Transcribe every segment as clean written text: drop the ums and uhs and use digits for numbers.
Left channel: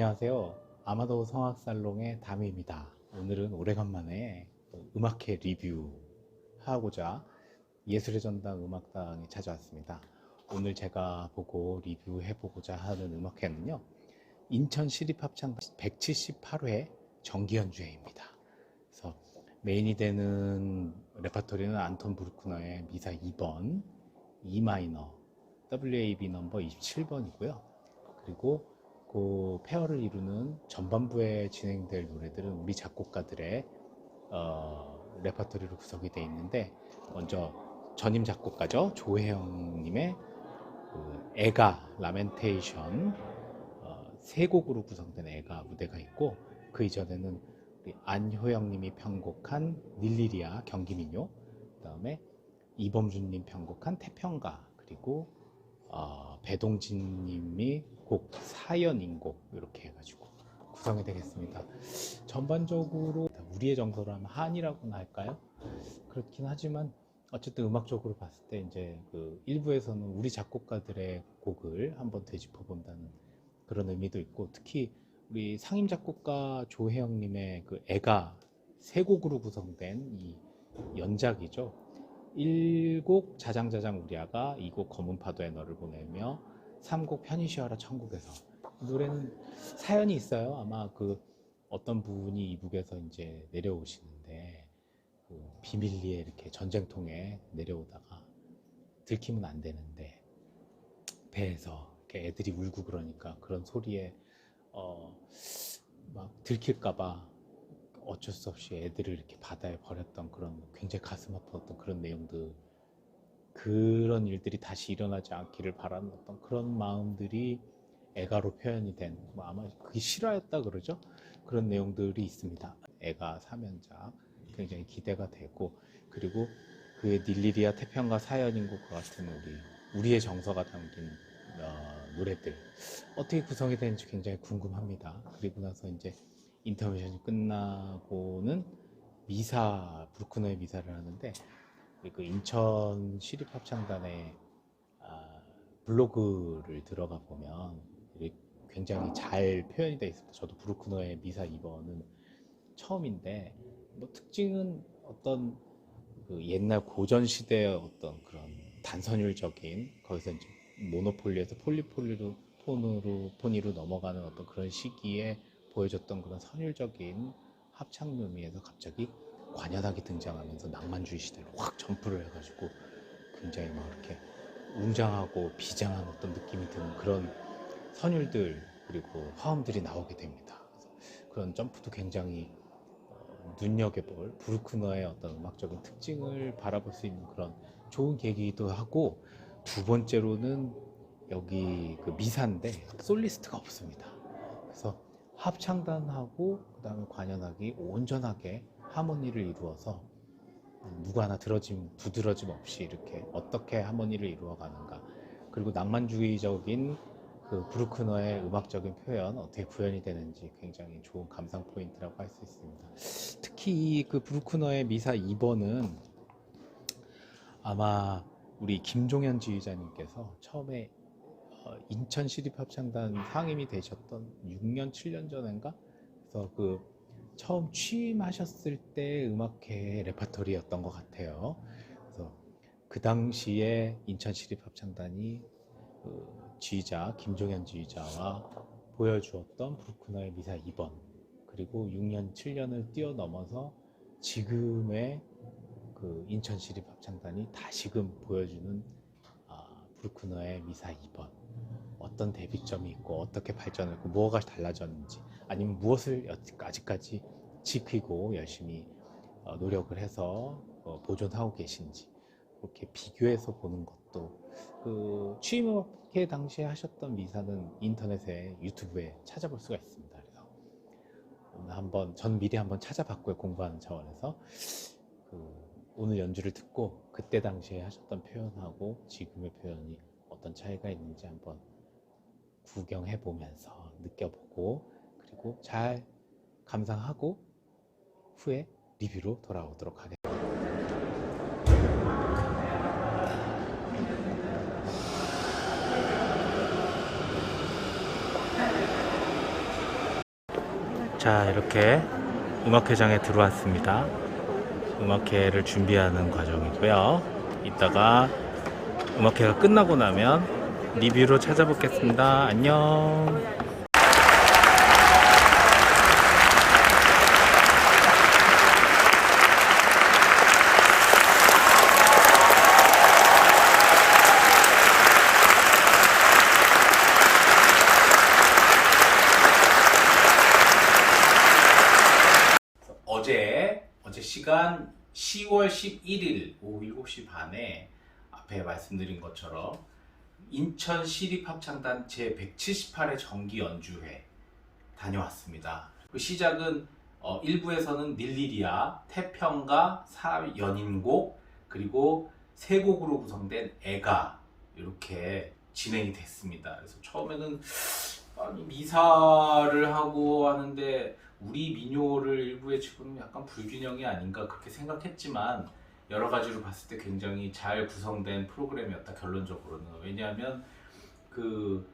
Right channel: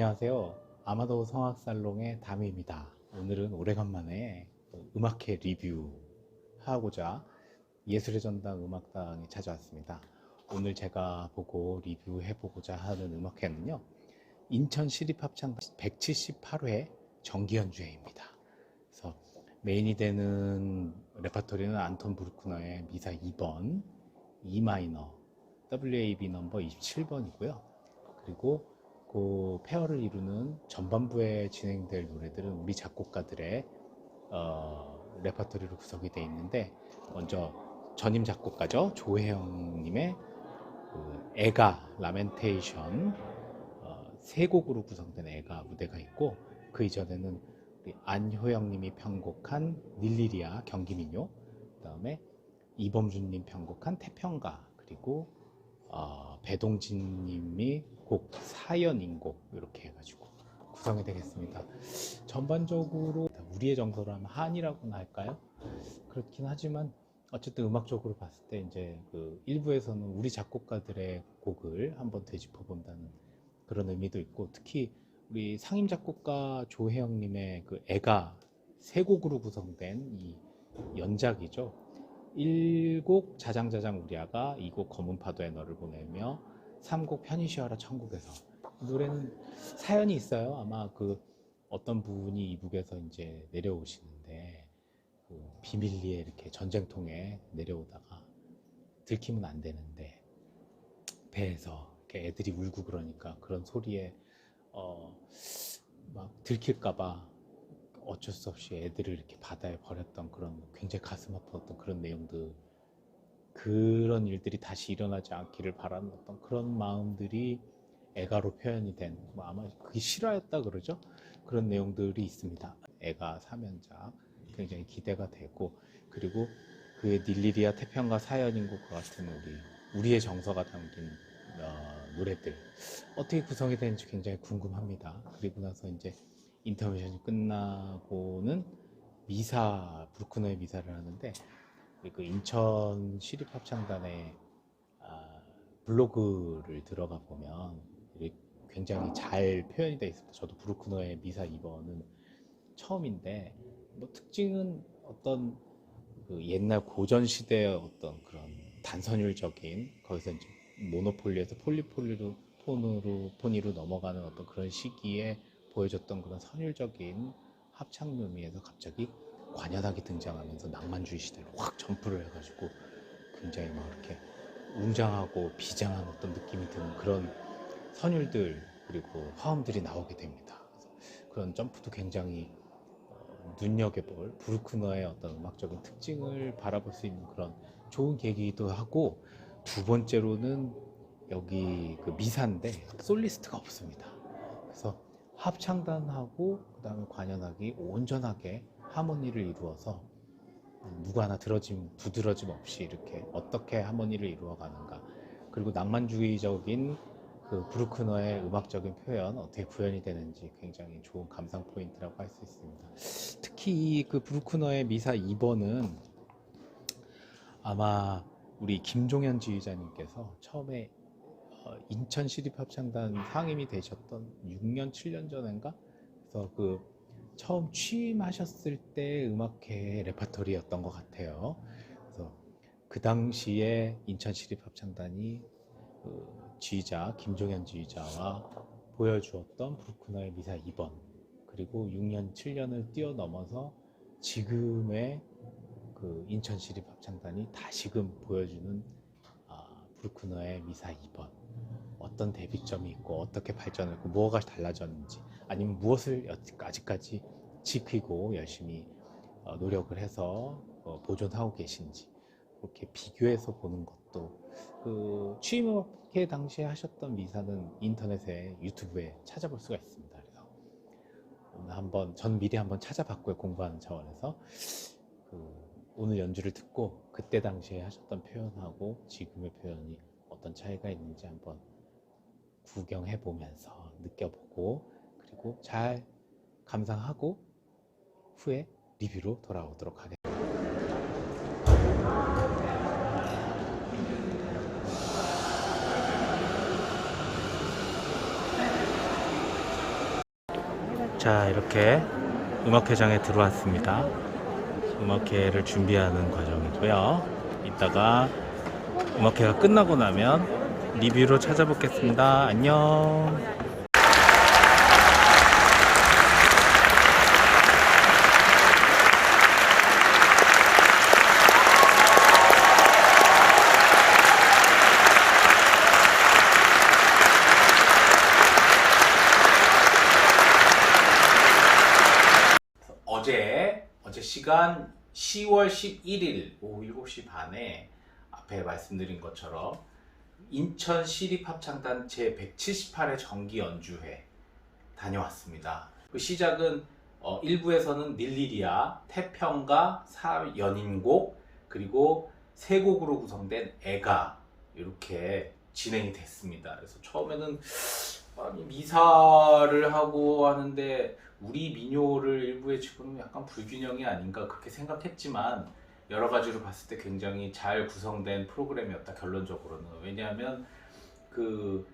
안녕하세요. 아마도 성악살롱의 다미입니다. 오늘은 오래간만에 음악회 리뷰하고자 예술의 전당 음악당에 찾아왔습니다. 오늘 제가 보고 리뷰해보고자 하는 음악회는요, 인천 시립합창단 178회 정기연주회입니다. 그래서 메인이 되는 레퍼토리는 안톤 브루크너의 미사 2번, E 마이너, WAV 넘버 27번이고요. 그리고 그 페어를 이루는 전반부에 진행될 노래들은 우리 작곡가들의 레퍼토리로 구성이 되어 있는데, 먼저 전임 작곡가죠, 조혜영님의 그 애가 라멘테이션 세 곡으로 구성된 애가 무대가 있고, 그 이전에는 우리 안효영님이 편곡한 닐리리아 경기민요, 그 다음에 이범준님 편곡한 태평가, 그리고 배동진님이 곡 사연인곡 이렇게 해가지고 구성이 되겠습니다. 전반적으로 우리의 정서로 하면 한이라고나 할까요? 그렇긴 하지만 어쨌든 음악적으로 봤을 때 이제 그 일부에서는 우리 작곡가들의 곡을 한번 되짚어 본다는 그런 의미도 있고, 특히 우리 상임 작곡가 조혜영님의 그 애가 세 곡으로 구성된 이 연작이죠. 1곡 자장자장 우리 아가, 2곡 검은 파도에 너를 보내며, 3곡 편히 쉬어라 천국에서. 이 노래는 사연이 있어요. 아마 그 어떤 분이 이북에서 이제 내려오시는데 그 비밀리에 이렇게 전쟁통에 내려오다가 들키면 안 되는데 배에서 이렇게 애들이 울고 그러니까 그런 소리에 막 들킬까봐 어쩔 수 없이 애들을 이렇게 바다에 버렸던 그런 굉장히 가슴 아팠던 그런 내용들, 그런 일들이 다시 일어나지 않기를 바라는 어떤 그런 마음들이 애가로 표현이 된, 아마 그게 실화였다 그러죠. 그런 내용들이 있습니다. 애가 3연작 굉장히 기대가 되고, 그리고 그의 닐리리아 태평가 사연인곡과 같은 우리의 정서가 담긴 노래들 어떻게 구성이 되는지 굉장히 궁금합니다. 그리고 나서 이제 인터미션이 끝나고는 미사, 브루크너의 미사를 하는데, 그 인천 시립합창단의 블로그를 들어가 보면 굉장히 잘 표현이 되어 있습니다. 저도 브루크너의 미사 2번은 처음인데, 뭐 특징은 어떤 그 옛날 고전 시대의 어떤 그런 단선율적인, 거기서 이제 모노폴리에서 폴리포니로 넘어가는 어떤 그런 시기에 보여줬던 그런 선율적인 합창 묘미에서 갑자기 관현악이 등장하면서 낭만주의 시대로 확 점프를 해가지고 굉장히 막 이렇게 웅장하고 비장한 어떤 느낌이 드는 그런 선율들, 그리고 화음들이 나오게 됩니다. 그런 점프도 굉장히 눈여겨볼, 브루크너의 어떤 음악적인 특징을 바라볼 수 있는 그런 좋은 계기이기도 하고, 두 번째로는 여기 그 미사인데 솔리스트가 없습니다. 그래서 합창단하고 그 다음에 관현악이 온전하게 하모니를 이루어서 누구 하나 두드러짐 없이 이렇게 어떻게 하모니를 이루어가는가, 그리고 낭만주의적인 그 브루크너의 음악적인 표현 어떻게 구현이 되는지 굉장히 좋은 감상 포인트라고 할 수 있습니다. 특히 그 브루크너의 미사 2번은 아마 우리 김종현 지휘자님께서 처음에 인천 시립합창단 상임이 되셨던 6년 7년 전인가, 그래서 그 처음 취임하셨을 때 음악회 레퍼토리였던 것 같아요. 그래서 그 당시에 인천 시립합창단이 그 지휘자 김종현 지휘자와 보여주었던 브루크너의 미사 2번, 그리고 6년 7년을 뛰어넘어서 지금의 그 인천 시립합창단이 다시금 보여주는 브루크너의 미사 2번, 어떤 대비점이 있고 어떻게 발전했고 뭐가 달라졌는지, 아니면 무엇을 아직까지 지키고 열심히 노력을 해서 보존하고 계신지, 그렇게 비교해서 보는 것도, 그 취임회 당시에 하셨던 미사는 인터넷에 유튜브에 찾아볼 수가 있습니다. 그래서 오늘 한번 전 미리 한번 찾아봤고요, 공부하는 차원에서. 오늘 연주를 듣고 그때 당시에 하셨던 표현하고 지금의 표현이 어떤 차이가 있는지 한번 구경해 보면서 느껴보고, 그리고 잘 감상하고 후에 리뷰로 돌아오도록 하겠습니다. 자, 이렇게 음악회장에 들어왔습니다. 음악회를 준비하는 과정이고요. 이따가 음악회가 끝나고 나면 리뷰로 찾아뵙겠습니다. 안녕. 어제 시간 10월 11일 오후 7시 반에 앞에 말씀드린 것처럼 인천 시립합창단 제178회 정기 연주회 다녀왔습니다. 그 시작은 1부에서는 닐리리아, 태평가, 사연인곡, 그리고 세 곡으로 구성된 애가 이렇게 진행이 됐습니다. 그래서 처음에는 아니, 미사를 하고 하는데 우리 민요를 일부에 집어넣으면 약간 불균형이 아닌가 그렇게 생각했지만 여러 가지로 봤을 때 굉장히 잘 구성된 프로그램이었다, 결론적으로는. 왜냐하면 그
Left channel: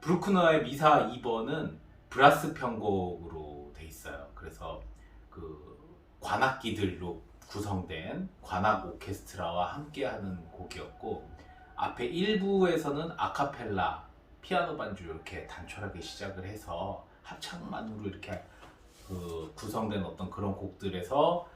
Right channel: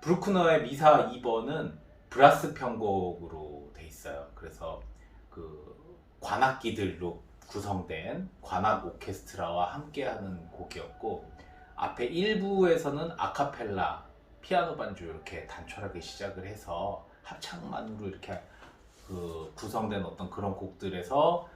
브루크너의 미사 2번은 브라스 편곡으로 돼 있어요. 그래서 그 관악기들로 구성된 관악 오케스트라와 함께하는 곡이었고, 앞에 1부에서는 아카펠라 피아노 반주 이렇게 단촐하게 시작을 해서 합창만으로 이렇게 그 구성된 어떤 그런 곡들에서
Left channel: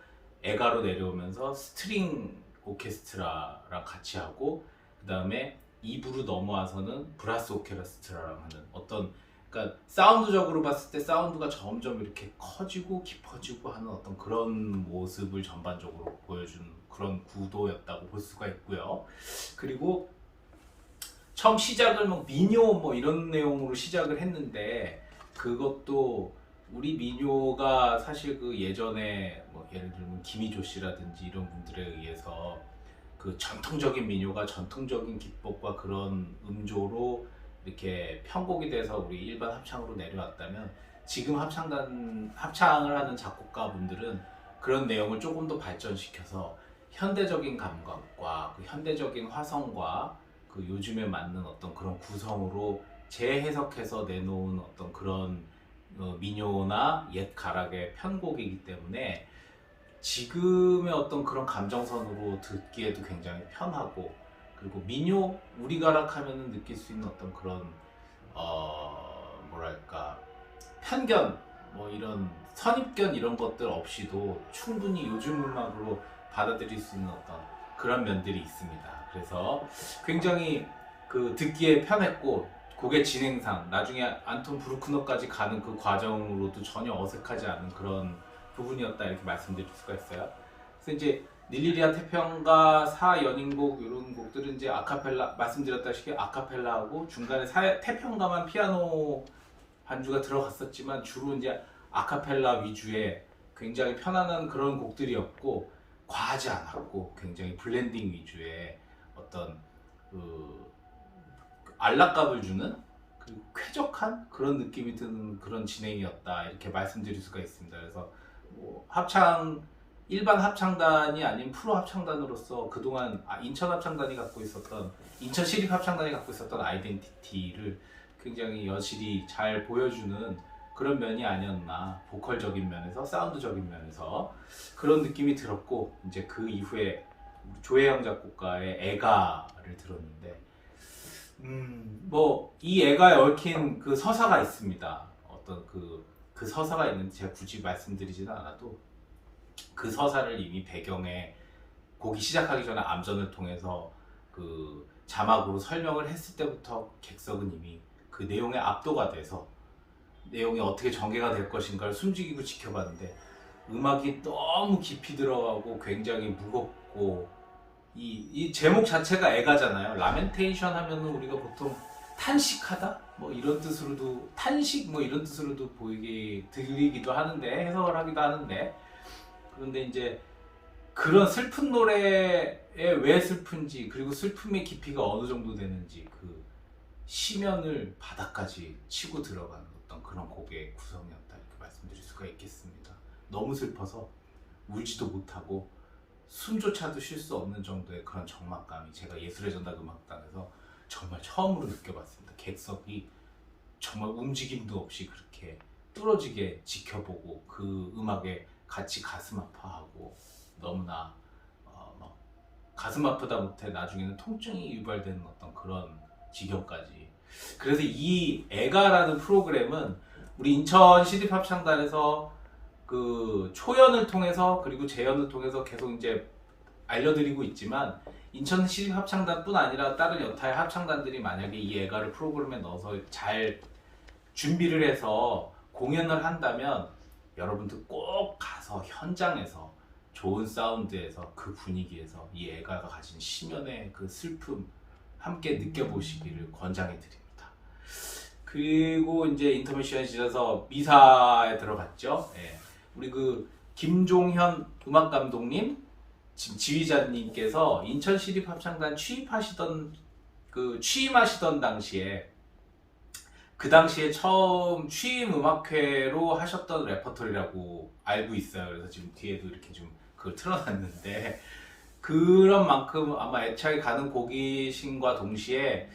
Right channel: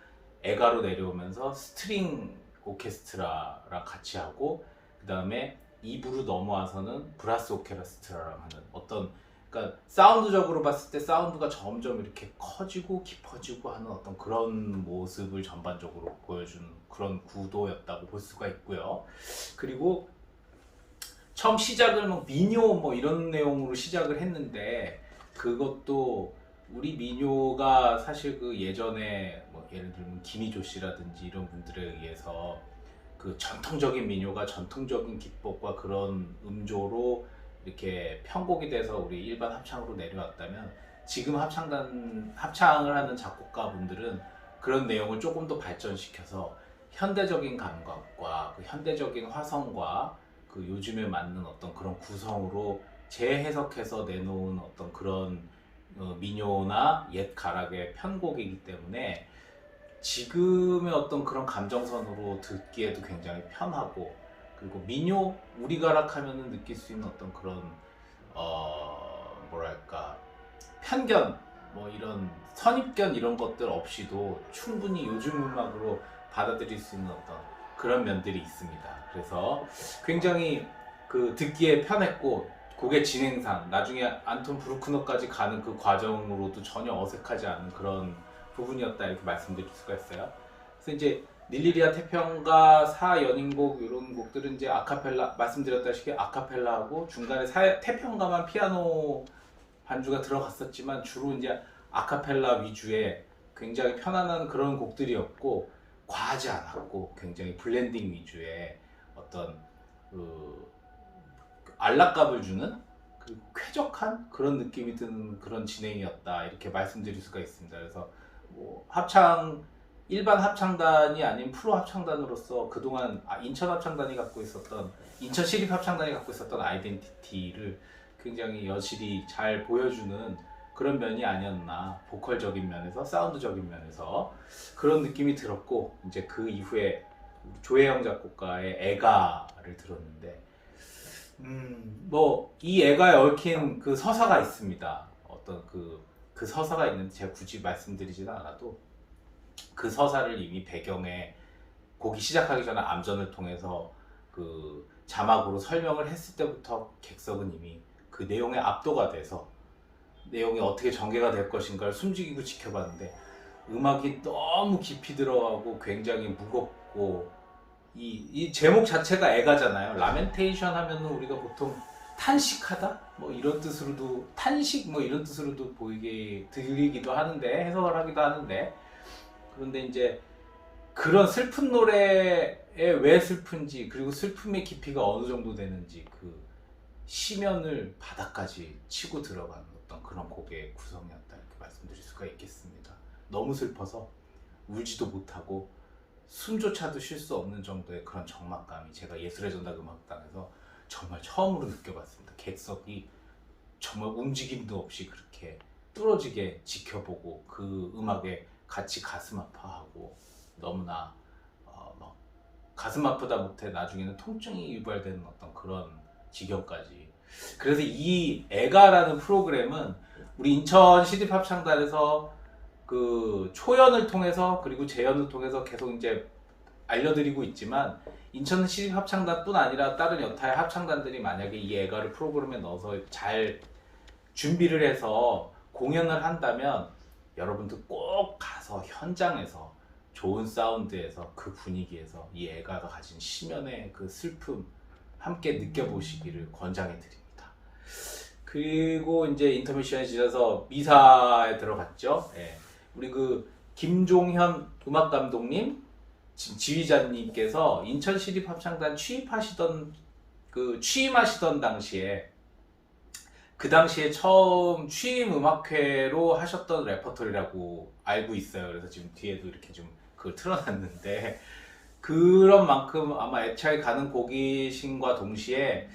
애가로 내려오면서 스트링 오케스트라랑 같이 하고, 그 다음에 2부로 넘어와서는 브라스 오케스트라랑 하는 어떤, 그러니까 사운드적으로 봤을 때 사운드가 점점 이렇게 커지고 깊어지고 하는 어떤 그런 모습을 전반적으로 보여주는 그런 구도였다고 볼 수가 있고요. 그리고 처음 시작을 뭐 민요 뭐 이런 내용으로 시작을 했는데, 그것도 우리 민요가 사실 그 예전에 뭐 예를 들면 김희조 씨라든지 이런 분들에 의해서 그 전통적인 민요가 전통적인 기법과 그런 음조로 이렇게 편곡이 돼서 우리 일반 합창으로 내려왔다면, 지금 합창을 하는 작곡가분들은 그런 내용을 조금 더 발전시켜서 현대적인 감각과 그 현대적인 화성과 그 요즘에 맞는 어떤 그런 구성으로 재해석해서 내놓은 어떤 그런 민요나 옛 가락의 편곡이기 때문에 지금의 어떤 그런 감정선으로 듣기에도 굉장히 편하고, 그리고 민요, 우리 가락 하면은 느낄 수 있는 어떤 그런 뭐랄까 편견, 뭐 이런 선입견 이런 것들 없이도 충분히 요즘 음악으로 받아들일 수 있는 어떤 그런 면들이 있습니다. 그래서 굉장히 그 듣기에 편했고, 곡의 진행상 나중에 안톤 브루크너까지 가는 그 과정으로도 전혀 어색하지 않은 그런 부분이었다, 이렇게 말씀드릴 수가 있어요. 그래서 이제 닐리리아 태평가 사연인곡 이런 곡들은 이제 아카펠라, 말씀드렸다시피 아카펠라하고 중간에 태평가만 피아노 반주가 들어갔었지만 주로 이제 아카펠라 위주의 굉장히 편안한 그런 곡들이었고, 과하지 않았고 굉장히 블렌딩 위주의 어떤 그 안락감을 주는, 그리고 쾌적한 그런 느낌이 드는 그런 진행이었다, 이렇게 말씀드릴 수가 있습니다. 그래서 뭐 일반 합창단이 아닌 프로 합창단으로서 그동안 인천 합창단이 갖고 있었던, 인천 시립 합창단이 갖고 있었던 아이덴티티를 굉장히 여실히 잘 보여주는 그런 면이 아니었나, 보컬적인 면에서 사운드적인 면에서 그런 느낌이 들었고, 이제 그 이후에 조혜영 작곡가의 애가를 들었는데, 뭐 이 애가에 얽힌 그 서사가 있습니다. 어떤 그 서사가 있는데 제가 굳이 말씀드리지는 않아도, 그 서사를 이미 배경에 곡이 시작하기 전에 암전을 통해서 그 자막으로 설명을 했을 때부터 객석은 이미 그 내용에 압도가 돼서 내용이 어떻게 전개가 될 것인가를 숨죽이고 지켜봤는데, 음악이 너무 깊이 들어가고 굉장히 무겁고, 이 제목 자체가 애가잖아요. 라멘테이션 하면은 우리가 보통 탄식하다 뭐 이런 뜻으로도, 탄식 뭐 이런 뜻으로도 보이게 들리기도 하는데, 해석을 하기도 하는데, 그런데 이제 그런 슬픈 노래에 왜 슬픈지, 그리고 슬픔의 깊이가 어느 정도 되는지, 그 시면을 바닥까지 치고 들어가는 어떤 그런 곡의 구성이었다, 이렇게 말씀드릴 수가 있겠습니다. 너무 슬퍼서 울지도 못하고 숨조차도 쉴 수 없는 정도의 그런 적막감이 제가 예술의 전당 음악당에서 정말 처음으로 느껴봤습니다. 객석이 정말 움직임도 없이 그렇게 뚫어지게 지켜보고 그 음악에 같이 가슴 아파하고 너무나 막 가슴 아프다 못해 나중에는 통증이 유발되는 어떤 그런 지경까지. 그래서 이 애가라는 프로그램은 우리 인천 시립합창단에서 그 초연을 통해서 그리고 재연을 통해서 계속 이제 알려드리고 있지만, 인천 시립합창단뿐 아니라 다른 여타의 합창단들이 만약에 이 애가를 프로그램에 넣어서 잘 준비를 해서 공연을 한다면 여러분들 꼭 가서 현장에서 좋은 사운드에서 그 분위기에서 이 애가가 가진 심연의 그 슬픔 함께 느껴보시기를 권장해 드립니다. 그리고 이제 인터미션이 지나서 미사에 들어갔죠. 예. 우리 그 김종현 음악 감독님, 지금 지휘자님께서 인천 시립합창단 취임하시던 당시에, 그 당시에 처음 취임 음악회로 하셨던 레퍼토리라고 알고 있어요. 그래서 지금 뒤에도 이렇게 좀 그걸 틀어놨는데, 그런 만큼 아마 애착이 가는 곡이신과 동시에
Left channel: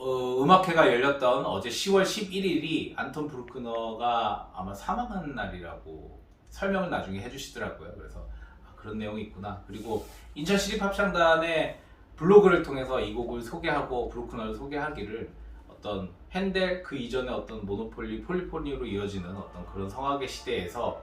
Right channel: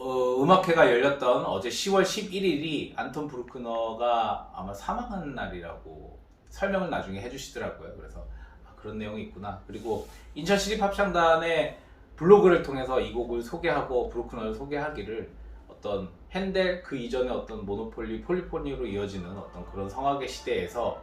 음악회가 열렸던 어제 10월 11일이 안톤 브루크너가 아마 사망한 날이라고 설명을 나중에 해주시더라고요. 그래서 그런 내용이 있구나. 그리고 인천 시립합창단의 블로그를 통해서 이 곡을 소개하고 브루크너를 소개하기를, 어떤 핸델 그 이전에 어떤 모노폴리, 폴리포니로 이어지는 어떤 그런 성악의 시대에서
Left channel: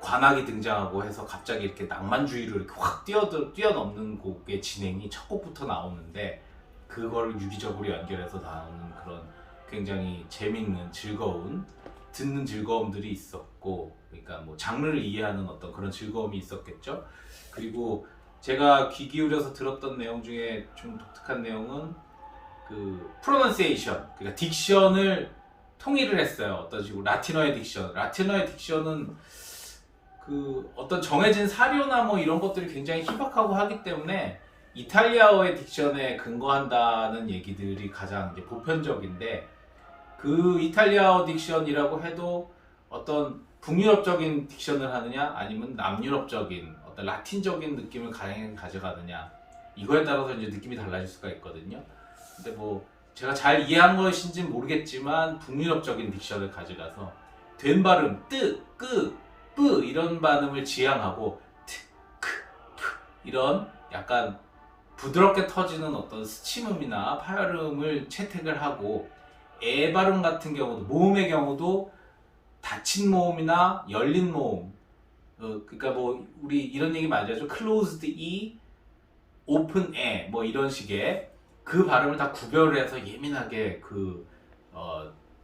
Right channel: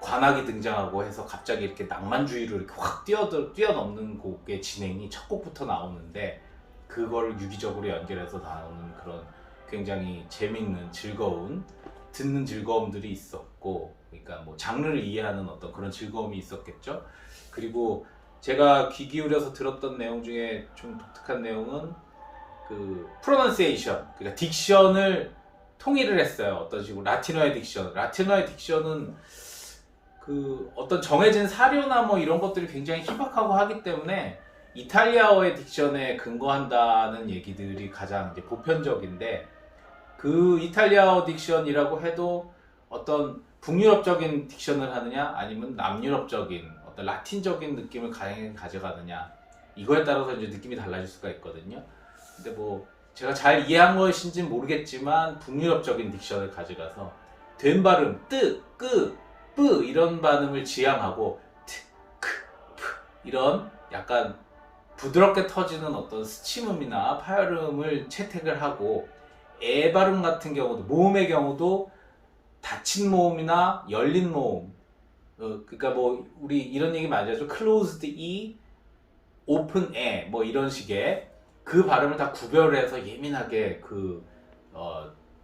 관악이 등장하고 해서 갑자기 이렇게 낭만주의로 이렇게 확 뛰어넘는 곡의 진행이 첫 곡부터 나오는데, 그걸 유기적으로 연결해서 나오는 그런 굉장히 재밌는, 즐거운, 듣는 즐거움들이 있었고, 그러니까 뭐 장르를 이해하는 어떤 그런 즐거움이 있었겠죠. 그리고 제가 귀 기울여서 들었던 내용 중에 좀 독특한 내용은 그 프로넌시에이션, 그러니까 딕션을 통일을 했어요. 어떤 식으로 라틴어의 딕션은 그 어떤 정해진 사료나 뭐 이런 것들이 굉장히 희박하고 하기 때문에 이탈리아어의 딕션에 근거한다는 얘기들이 가장 이제 보편적인데, 그 이탈리아어 딕션이라고 해도 어떤 북유럽적인 딕션을 하느냐 아니면 남유럽적인 어떤 라틴적인 느낌을 가져가느냐, 이거에 따라서 이제 느낌이 달라질 수가 있거든요. 근데 뭐 제가 잘 이해한 것인지는 모르겠지만 북유럽적인 딕션을 가져가서 된 발음 뜨, 끄, 뿌 이런 발음을 지향하고 트, 크, 푸 이런 약간 부드럽게 터지는 어떤 스침음이나 파열음을 채택을 하고, 애 발음 같은 경우도, 모음의 경우도 닫힌 모음이나 열린 모음, 그러니까 뭐 우리 이런 얘기 많이 하죠. closed e, open e 뭐 이런 식의 그 발음을 다 구별을 해서 예민하게 그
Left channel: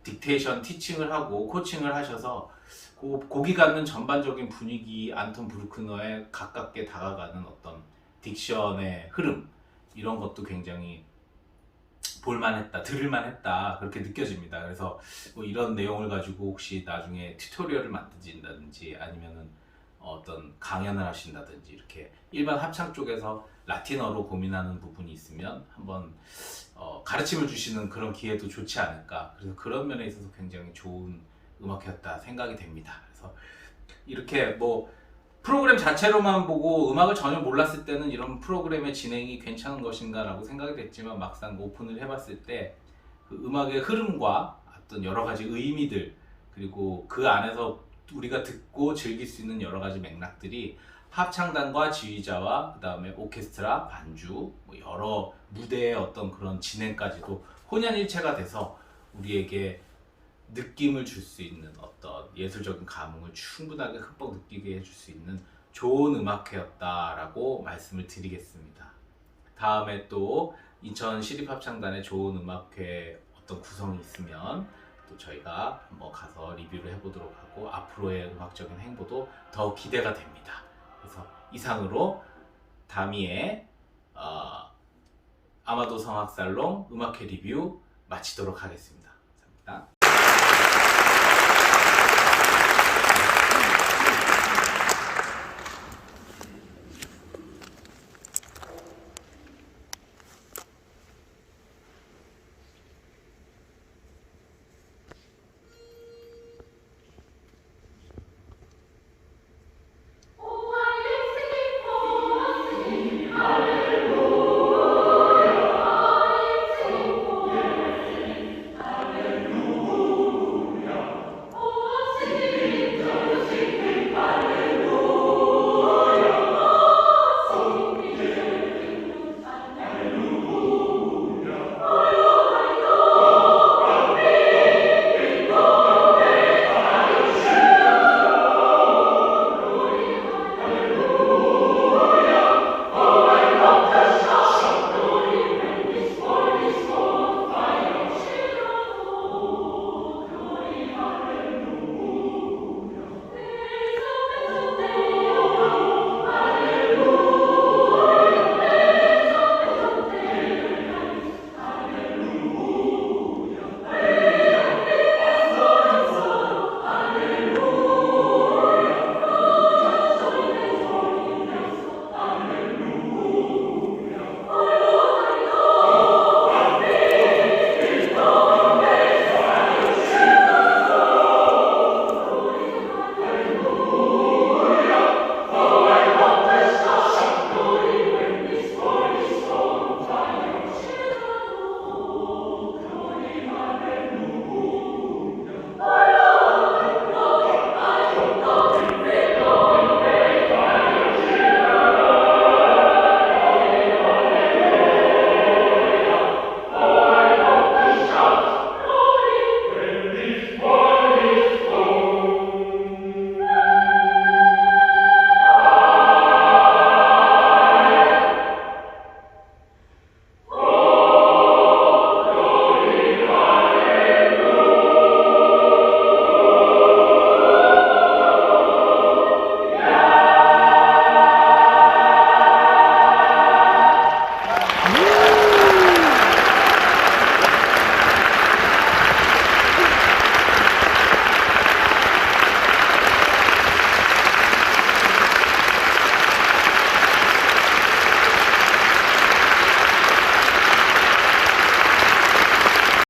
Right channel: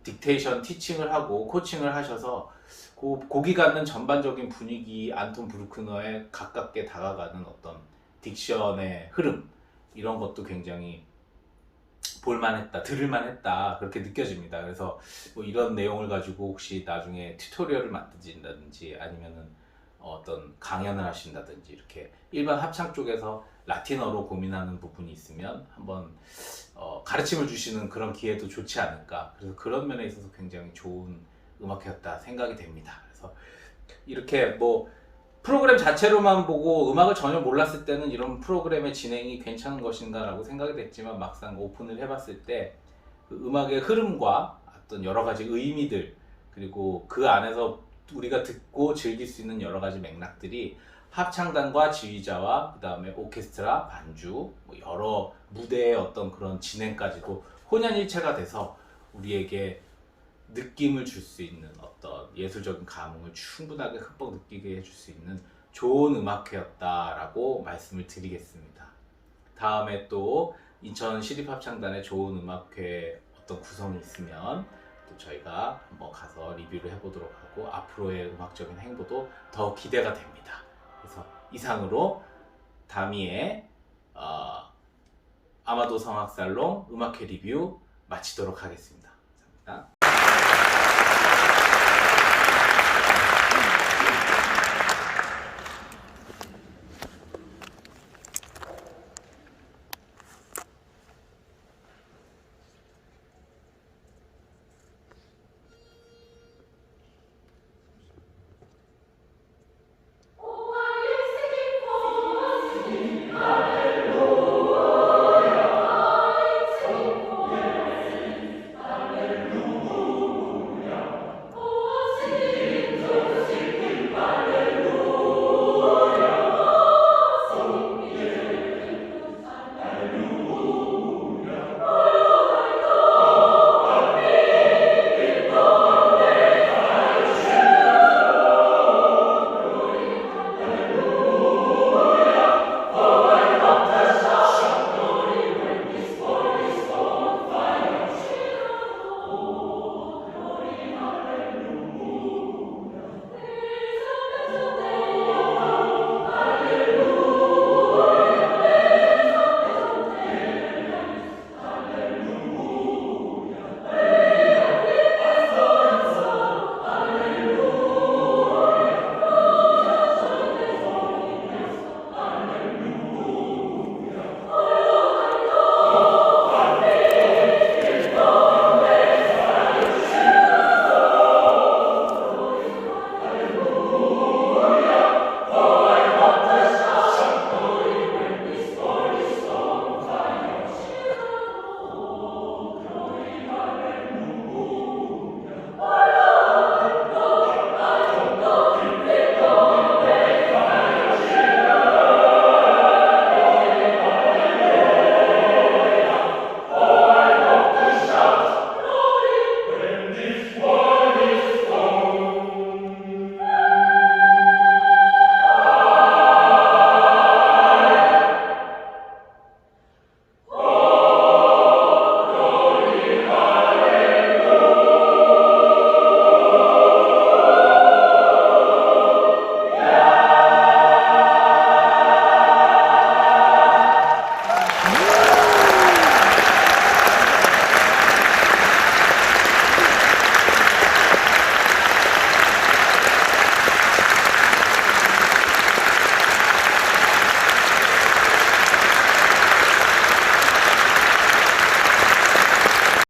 딕테이션 티칭을 하고 코칭을 하셔서 곡이 갖는 전반적인 분위기, 안톤 브루크너에 가깝게 다가가는 어떤 딕션의 흐름, 이런 것도 굉장히 볼만했다, 들을만했다, 그렇게 느껴집니다. 그래서 뭐 이런 내용을 가지고 혹시 나중에 튜토리얼을 만드신다든지 아니면은 어떤 강연을 하신다든지, 이렇게 일반 합창 쪽에서 라틴어로 고민하는 부분이 있으면 한번 가르침을 주시는 그런 기회도 좋지 않을까. 그래서 그런 면에 있어서 굉장히 좋은 음악회였다 생각이 됩니다. 그래서 이렇게 뭐 프로그램 자체로만 보고 음악을 전혀 몰랐을 때는 이런 프로그램의 진행이 괜찮은 것인가 라고 생각이 됐지만, 막상 오픈을 해봤을 때 그 음악의 흐름과 어떤 여러 가지 의미들, 그리고 그 안에서 우리가 듣고 즐길 수 있는 여러 가지 맥락들이 합창단과 지휘자와 그 다음에 오케스트라, 반주, 뭐 여러 무대의 어떤 그런 진행까지도 혼연일체가 돼서 우리에게 느낌을 줄 수 있는 어떤 예술적인 감흥을 충분하게 흠뻑 느끼게 해줄 수 있는 좋은 음악회였다라고 말씀을 드리겠습니다. 다음에 또 인천 시립합창단의 좋은 음악회 어떤 구성이 있으면 또 저희가 한번 가서 리뷰를 해보도록 하고, 앞으로의 음악적인 행보도 더 기대가 됩니다. 그래서 이상으로 다미의 아마도 성악살롱 음악회 리뷰 마치도록 하겠습니다. 감사합니다. 예!